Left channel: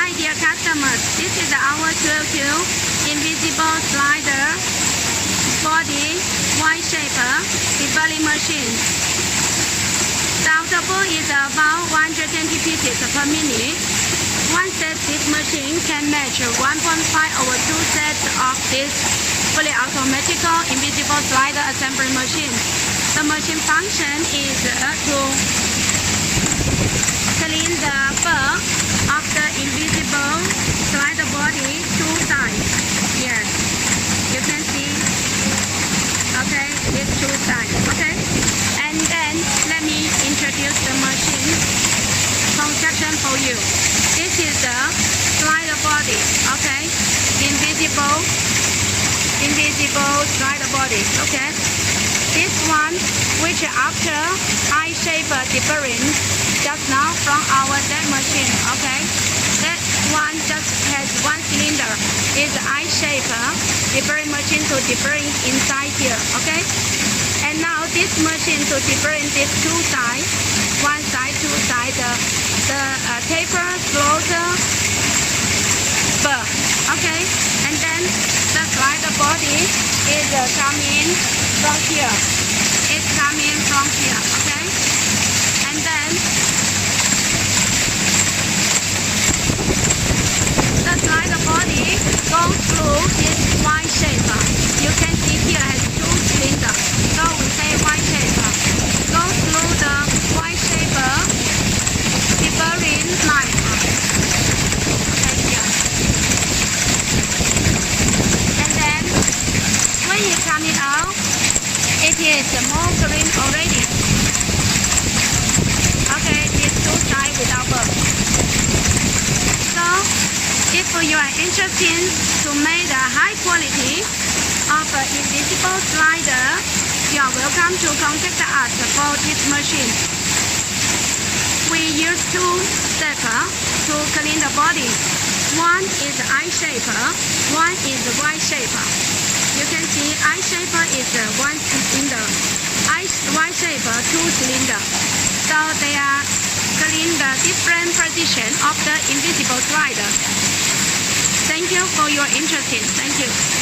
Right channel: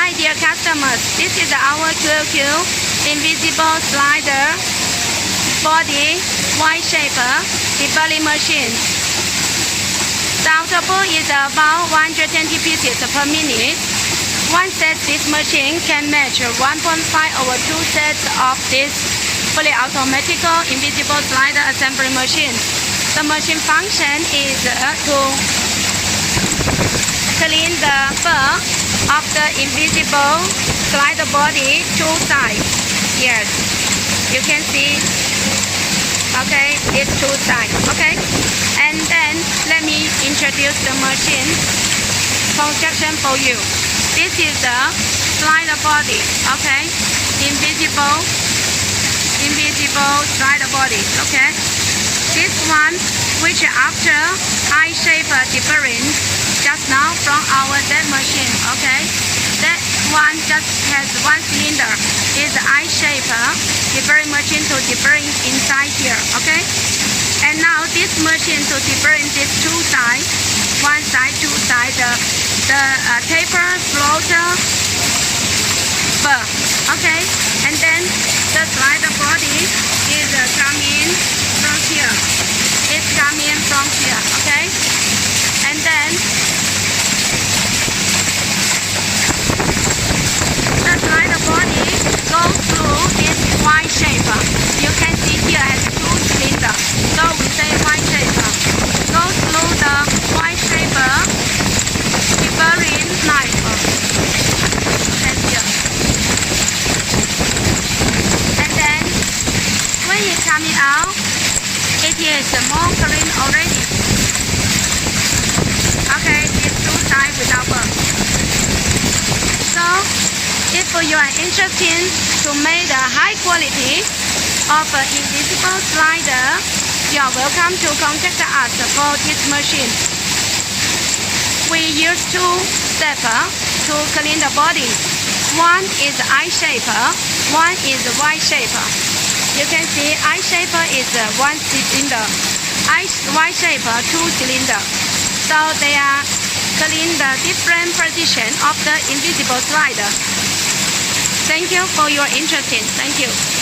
Hi dear customers, this is our QLQ invisible slider body wide shaper de-burring machine. The output is about 120 pieces per minute. One set this machine can match 1.5 over 2 sets of this fully automatic invisible slider assembly machine. The machine function is to clean the burr of the invisible slider body two sides. Yes, you can see. Okay, it's two sides. Okay, and then let me introduce the machine construction for you. This is the slider body. Okay, invisible slider body. Okay, this one, which after I shape de-burring just now from our Z machine. Okay, that one just has one cylinder. Is I shape de-burring machine to de-burring inside here. Okay, and now this machine to de-burring these two sides, one side, two sides, the taper, floater, burr. Okay, and then the slider body is coming from here. It's coming from here. Okay, and then the slider body goes through this Y shape. You can see here has two cylinders, so we say Y shape. Goes through the Y shape de-burring knife. Okay, here. And then when it's coming out, it is more clean already. Okay, these two sides without burr. So, if you are interested to make the high quality of invisible slider, you are welcome to contact us for this machine. We use two steps to clean the body. One is I shaper, one is Y shaper. You can see I shaper is one cylinder, Y shaper two cylinder. So they are clean the different position of the invisible slider. Thank you for your interest. Thank you.